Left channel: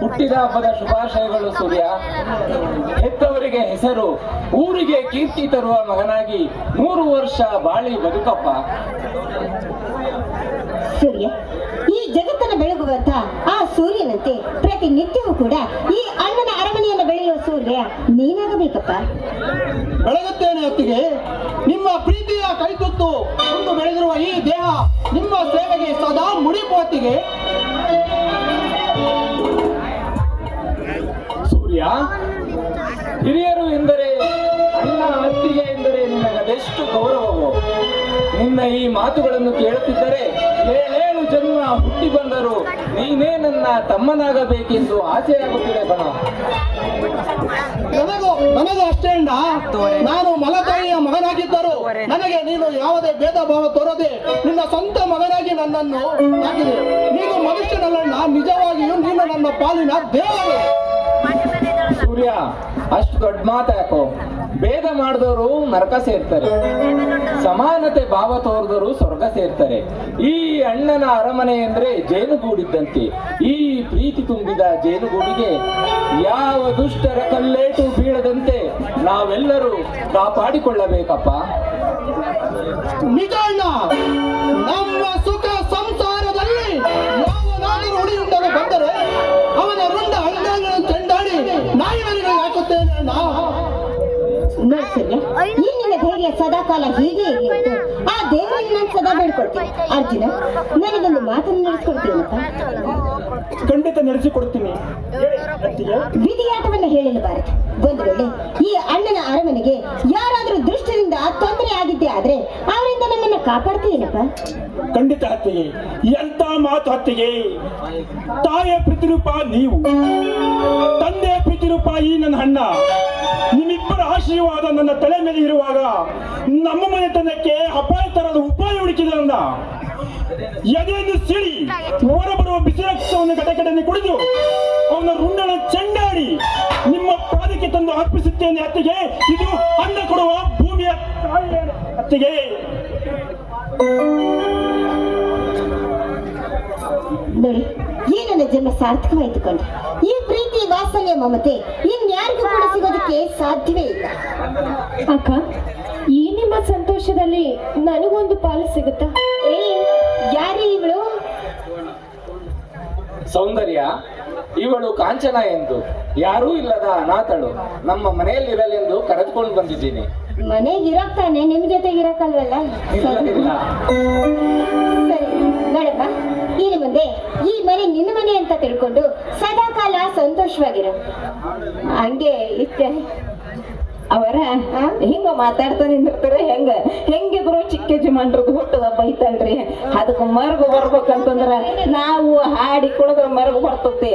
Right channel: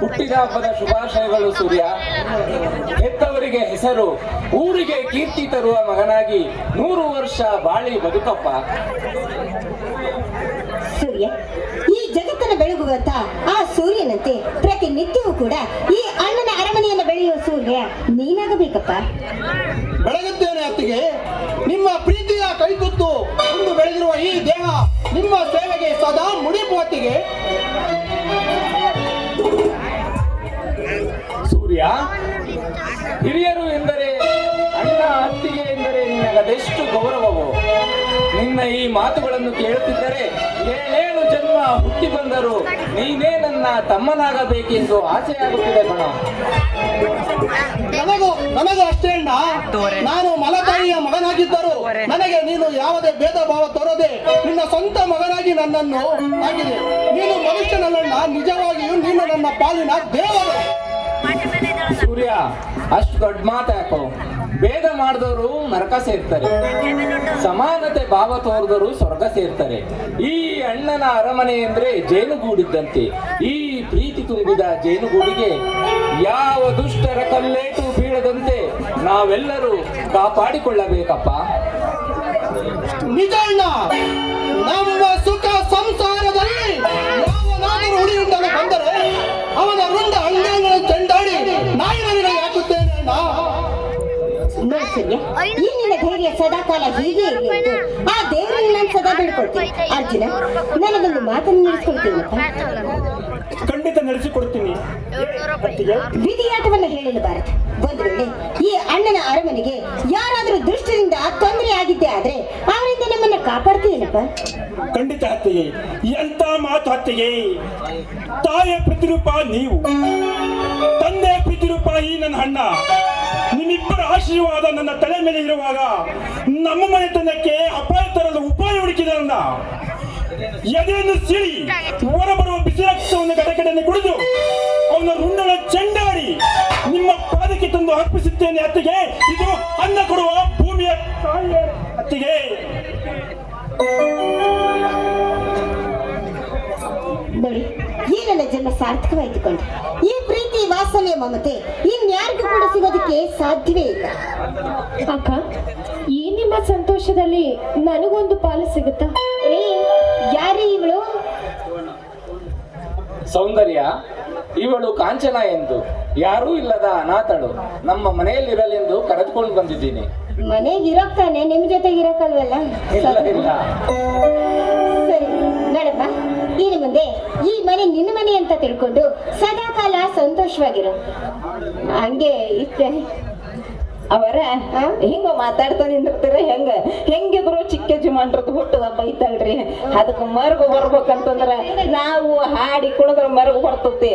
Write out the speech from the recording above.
ಹುಟ್ಟಿದ ಹಬ್ಬದ ಶುಭಾಶಯಗಳು ಸೂರ್ಯ. ಹೆತ್ತವರಿಗೆ ಹೆಸರು, ಊರಿಗೆ ಕೀರ್ತಿ ತರುವ ಮಗನಾಗಿ 100 ವರ್ಷ ಬಾಳಿ ಬದುಕಪ್ಪ. ಸೂರ್ಯ, ಈ ಜಗತ್ತನ್ನು ಬೆಳಗುವಂತ ಆ ಸೂರ್ಯನಂತೆ ಪ್ರತಿನಿತ್ಯವೂ ಕೂಡ ಈ ಅಣ್ಣನ ಅರಮನೆಯನ್ನು ಬೆಳೆಯುವ ಸೂರ್ಯ ನೀನಾಗಬೇಕಪ್ಪ. ಬೆಳಗುತ್ತೇನೆ ಅತ್ತಿಗೆ. ನಿಮ್ಮ ಪ್ರೀತಿಯ ಕೈತುತ್ತು ಒಂದು ಬೆಳೆದಿರುವ ಈ ದೇಹ ನಿಮ್ಮ ಸೇವೆಗೆ ಸದಾ ಮುಡಿಪೋತಿಗೆ. ಸೂರ್ಯ, ಹಿರಿಯರು ಎಂದರೆ ಅಣ್ಣ, ಅತ್ತಿಗೆ ಎಂದರೆ ನಿನಗದೆಷ್ಟು ಗೌರವವು. ನಿನ್ನ ಈ ಮಾತುಗಳನ್ನು ಕೇಳುತ್ತಿದ್ದರೆ 7 ಜನ್ಮ ಹುಟ್ಟಿ ಬಂದರೂ ನೀನೇ ನನ್ನ ತಮ್ಮನಾಗಬೇಕೆಂದು ಆಸೆಯಾಗುತ್ತಿದೆ ಕಣ. ನನಗೂ ಅಷ್ಟೇ ಅಣ್ಣ. ನಾನು ಮಲತಾಯಿಯ ಮಗನಾಗಿದ್ದರೂ ನನಗೆ ನೀನು ಯಾವುದೇ ಭೇದ ಭಾವ ತೋರದೆ ನಿನ್ನ ಸ್ವಂತ ಮಗನಾಗಿ ನನ್ನನ್ನು ಆಗಿದೆ. ನೀನು ಮನುಷ್ಯನಲ್ಲ, ನಿಜವಾಗಿಯೂ ನೀನು ನನ್ನ ಪಾಲಿನ ದೇವರು. ಸೂರ್ಯ, ಅಷ್ಟು ದೊಡ್ಡ ಮಾತಾಕೋ. ಭೇದ ಮಾಡಿದವರು ನರಕ ಸೇರ್ತಾರೆ, ಸಮಾನತೆ ಭಾವ ತೋರಿದವರು ಸ್ವರ್ಗ ಸೇರ್ತಾರೆ. ಈ ಅಣ್ಣನ ಅರಮನೆ ಅಂದ್ರೆ ಜೇನುಗೂಡಿದ್ದಂತೆ. ಈ ಪ್ರೀತಿ ತುಂಬಿದ ಜೇನುಗೂಡಿಗೆ ಯಾವ ದುಷ್ಟರ ಕಲ್ಲೇಟು ಬೀಳದಂತೆ ನಾವೆಲ್ಲರೂ ಕಾಪಾಡಿಕೊಳ್ಳಬೇಕಪ್ಪ. ನಿಜ ಅಣ್ಣ. ನಮ್ಮ ಸುಖ ಸಂಸಾರದಲ್ಲಿ ಯಾವನಾದರೂ ಉಳಿಯುಂಡಲು ಬಂದರೆ ಅವನ ರುಂಡ ಅಂಗಾಂಗಗಳನ್ನು ಚೆಂಡಾಡಿ ನಾಯಿಗಳಿಗೆ ಹಾಕುತ್ತೇನೆ ಅಣ್ಣ. ನೋಡಿ ಸೂರ್ಯ, ಈ ನಿನ್ನ ಧೈರ್ಯ ಸದಾಕಾಲ ಹೀಗೆ ಇರಲಿ ಅಂತ ಆ ದೇವರಲ್ಲಿ ನಾನು ಸದಾ ಬೇಡ್ಕೊಳ್ತೀನಿ. ಅರ್ಜುನ, ನನಗೊಂದು ಮಾತನ್ನು ನಡೆಸ್ಕೊಡ್ತೀನಪ್ಪ. ಖಂಡಿತ ನಡೆಸಿಕೊಡ್ತೀನಿ. ವಿಧಿಯಾಟವನ್ನು ಹೇಳಲಬಾರದು. ಒಂದು ವೇಳೆ ಈ ಅಣ್ಣನ ಅರಮನೆಗೆ ಯಾರಾದರೂ ದುಷ್ಟರಿಂದ ತೊಂದರೆ ಆಗಿದ್ದೇ ಆದ್ರೆ ಅವರಿಂದ ನಮ್ಮನ್ನ ಕಾಪಾಡ್ತೀನಪ್ಪ. ಖಂಡಿತ ಅತ್ತಿಗೆ. ಎಂತ ಮಾತು ಅತ್ತಿಗೆ. ತಾಯಿಯ ಪ್ರತಿರೂಪ ನೀವು, ತಂದೆಯ ಪ್ರತಿರೂಪ ಈ ನನ್ನ ಅಣ್ಣ. ನಿಮ್ಮಿಬ್ಬರ ಆಶೀರ್ವಾದ ನನ್ನ ತಲೆ ಮೇಲೆ ಇರುವಾಗ ನಮ್ಮ ಮನೆತನಕ್ಕೆ ಅಪಾಯ ತರಲು ಉಪಾಯ ಹುಡುಕಿದ್ರಲ್ಲ. ಎದೆಯನ್ನು ಸಿಳಿ ಹೊರಬರುವ ಬಿಸಿ ರಕ್ತವನ್ನು ಗಡಗಡೆಯನ್ನು ಕುಡಿದು ಅವನ ರುಂಡನ ಚೆಂಡಾಡಿ ನಿಮ್ಮ ಪಾದಕ್ಕೆ ತಂದು ಅರ್ಪಿಸುತ್ತೇನೆ ಅತ್ತಿಗೆ. ಇದು ಅನ್ನ ಕೊಡುವ ಭೂಮಿಯ ತಾಯಿಯ ಅತ್ತಿಗೆ. ನೋಡಿ, ಈ ನನ್ನ ಜನ್ಮ ಸಾರ್ಥಕವಾಯಿತು ಕೊಂಡ್ರೆ. ಈ ಪ್ರೀತಿ, ವಾತ್ಸಲ್ಯ, ಮಮತೆ ಇನ್ಯಾರಿಗೂ ಕೂಡ ಸಿಗೋದಕ್ಕೆ ಸಾಧ್ಯವೇ ಇಲ್ಲ. ಅಕ್ಕ, ಈ ನಿಮ್ಮ ಸಂತೋಷದಲ್ಲಿ ನನಗೊಂದು ಪಾಲು ಸಿಗುತ್ತಾ? ಯಾರೇ ಇವಳು? ಸೌಂದರ್ಯ, ಇವಳು ಕಾಂಚನ ಎಂದು ಯಾರೂ ಇಲ್ಲದ ಅನಾಥಳು. ನಮ್ಮ ಮನೆಯಲ್ಲಿರಲೆಂದು ಕರೆದುಕೊಂಡು ಬಂದಿದ್ದೀನಿ. ಮನೆಗೆ ಇರೋಕ್ತಾನೆ, ನಿಮ್ ಜೊತೆಗೆ ಇರೋಕಲ್ವಲ್ಲ? ಇಲ್ಲ. ಸರಿ, ನೋಡಪ್ಪ, ಇನ್ನು ಮುಂದೆ ಈ ಮನೆ ನಿನ್ನ ಮನೆ ಅಂತ ತಿಳ್ಕೊಂಡು ಸದಾಕಾಲ ಸಂತೋಷವಾಗಿರು. ಹಂಗೆ ಇಷ್ಟೇ ಅವರ ಹಿಂಗ ಮಾತಾಡ್ತಾ ನಿಂದಿರ್ತೀರ. ಹೆಂಗಿದ್ರು ಚಿಕ್ಕ ಯಜಮಾನ್ರದ್ದು ಹುಟ್ಟದ ಬೈತಾಳ್ರಿ. ಅದಕ್ಕೆ ಮರಗು ಬರ್ಬೇಕಂತಂದ್ರ ನಾವು ಹಾಡಿ ಕುಣದ್ರ ಮರಗು ಬರ್ತೈತಿ.